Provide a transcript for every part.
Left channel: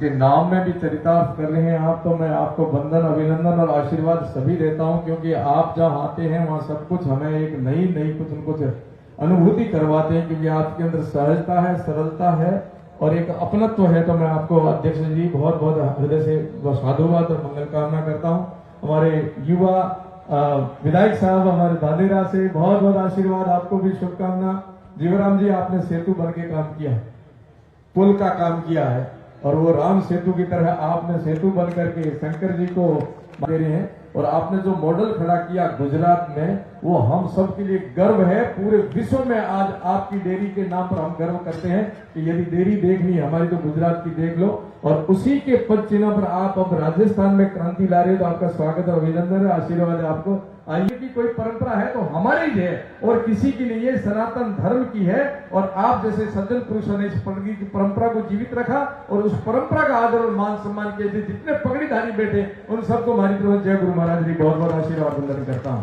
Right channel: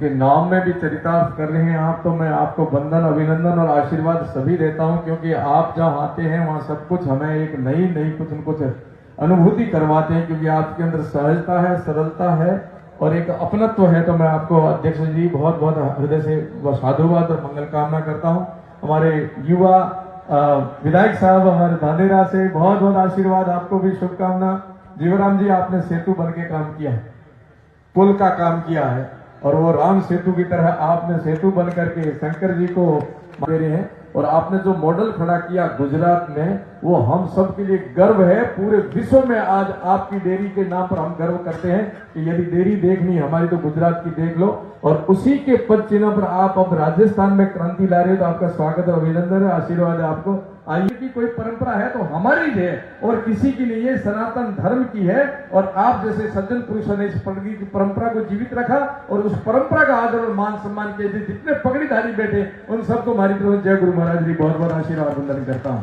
के नाम में भी चरितार्थ कर रहे हैं आप, तो मैं आपको वंदन, अभिनंदन और आशीर्वाद सभी देता हूं, क्योंकि आप जहां आते हैं वहां सब कुछ हमें एक नई नई कुछ न कुछ अनुभूति करवाते हैं, क्योंकि आपके अंदर सहजता है, सरलता है और एक अपनत्व है। तो मैं आपको अध्यक्ष जी बहुत बहुत हृदय से साधुवाद और मंगल कामना करता हूं। हमारे युवा विधायक साहब हमारे धानेरा से बहुत बहुत आशीर्वाद, आपको भी शुभकामना। जीवराम जी, आपने सेतु बन के काम किया है, पुल का काम किया है, और वो राम सेतु की तरह आपने सेतु बन करके शंकर जी को दे रहे हैं। और आपने जो मॉडल खड़ा किया गुजरात में, वो हम सब के लिए गर्व है। पूरे विश्व में आज आपकी डेयरी के नाम पर हम गर्व करते हैं कि यदि डेयरी देखनी है हमारी तो गुजरात की देख लो। और उसी के पद चिन्ह पर आप अब राजस्थान में क्रांति ला रहे हो, तो आपका स्वागत और अभिनंदन है, आशीर्वाद है आपको। आइए की कोई परंपरा है तो हमारी है और किसी की नहीं है, सनातन धर्म की है। और आप जैसे सज्जन पुरुषों ने इस पगड़ी की परंपरा को जीवित रखा और उस परंपरा का आदर और मान सम्मान किए थे। जितने पगड़ीधारी बैठे उन सबको हमारी तरफ जय गुरु महाराज जी बहुत बहुत आशीर्वाद वंदन करता हूं।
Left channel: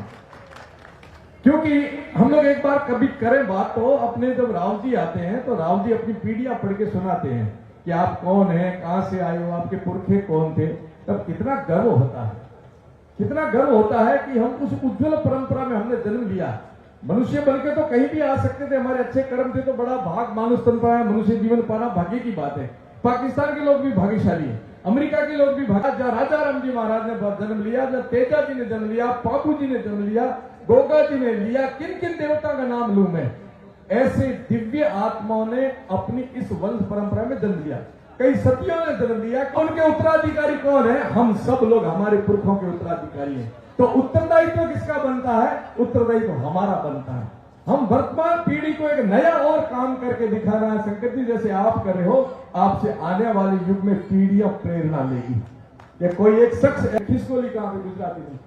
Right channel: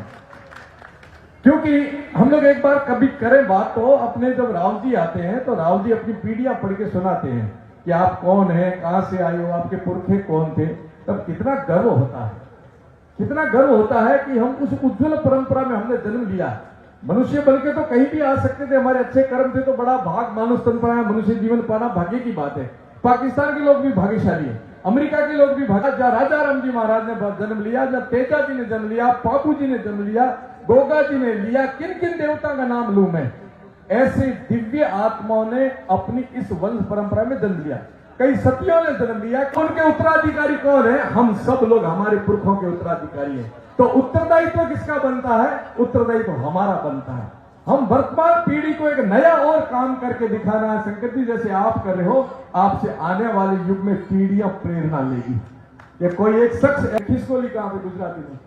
क्योंकि हम लोग एक बार कभी करें बात तो अपने जब राव जी आते हैं तो राव जी अपनी पीढ़ियां पढ़ के सुनाते हैं कि आप कौन है, कहां से आए हो, आपके पुरखे कौन थे। तब कितना गर्व होता है, कितना गर्व होता है कि हम उस उज्जवल परंपरा में हमने जन्म लिया। मनुष्य बनके तो कहीं भी आ सकते थे, हमारे अच्छे कर्म थे तो बड़ा भाग मानुष तन पाया, मनुष्य जीवन पाना भाग्य की बात है। पाकिस्तान के लोग भी भाग्यशाली है, अमेरिका के लोग भी जहाँ राजा राम जी महाराज ने जन्म लिया, जहाँ तेजा जी ने जन्म लिया, पापू जी ने जन्म लिया, गोगा जी ने लिया, किन किन देवता का नाम लूं मैं। ऐसे दिव्य आत्माओं ने अपनी इस वंश परंपरा में जन्म लिया, कई सतियों ने जन्म लिया। उनके उत्तराधिकारी कौन है? हम सब लोग हमारे पुरखों के उत्तराधिकारी हैं। तो उत्तरदायित्व किसका बनता है? उत्तरदायित्व हमारा बनता है। हम वर्तमान पीढ़ी को एक नया और काम करके दिखाना है। शंकर जी जैसे आप कर रहे हो, आपसे आने वाले युग में पीढ़ियां प्रेरणा लेगी। ये कोई एक शख्स खिसकोली कहां पे गुजराती में,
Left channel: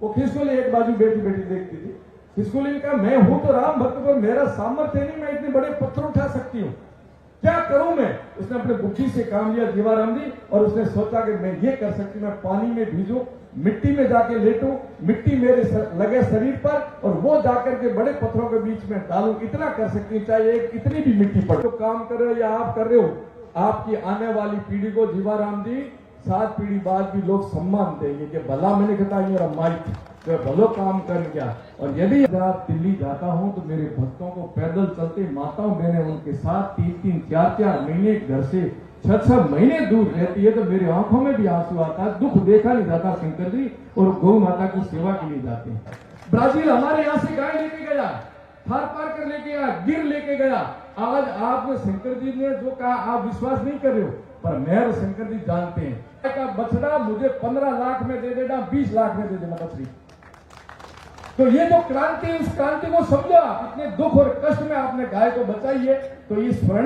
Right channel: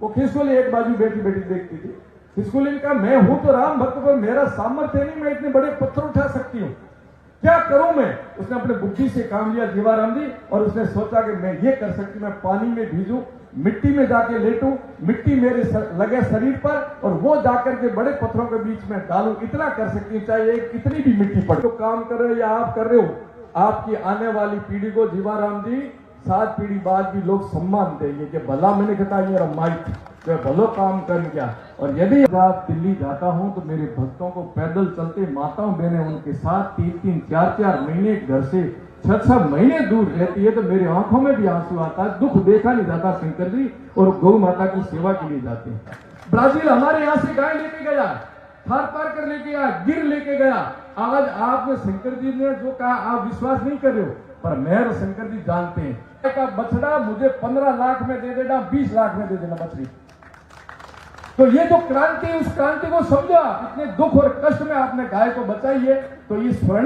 वो खिसकोली एक बाजू बेटी बेटी देखती थी। खिसकोली ने कहा मैं हूं तो राम भक्त, पर मेरा सामर्थ्य नहीं, मैं इतने बड़े पत्थर उठा सकती हूं, क्या करूं मैं। उसने अपने बुद्धि से काम लिया जीवाराम जी, और उसने सोचा कि मैं ये कर सकती हूं, मैं पानी में भीजूं, मिट्टी में जाके लेटूं, मिट्टी मेरे लगे शरीर पर, और वो जाकर के बड़े पत्थरों के बीच में डालूं, इतना कर सकती हूं, चाहे एक कितनी भी मिट्टी पड़े। तो काम कर रहे हो या आप कर रहे हो, आपकी आने वाली पीढ़ी को जीवाराम जी 7 पीढ़ी बाद भी लोग सम्मान देंगे कि भला मैंने कहा ये माइट जो भलो काम कर गया। और यदि आप दिल्ली जाता हूं तो मेरे भक्तों को पैदल चलते माताओं बहनें उनके साथ 3-3, 4-4 महीने घर से 6-6 महीने दूर रहती है, तो मेरी आंखों में भी आंसू आता है। दुख देखा नहीं जाता शंकर जी, और गौ माता की सेवा के लिए जाते हैं। ब्राजील हमारे यहाँ से गाय लेके गया, थार पार कर लेके गया, गिर लेके गया। आज आपने शंकर जी ने जो कहा आप विश्वास नहीं कर रहे हो, पर मेहर शंकर जी जानते हैं। का बछड़ा मुझे 15 लाख में दे देना, 20 लाख में दे देना बछड़ी। तो ये जो क्रांति, उस क्रांति को समझा, इतने दुख और कष्ट में आपने गाय को बचाई है। तो ये स्वर्ण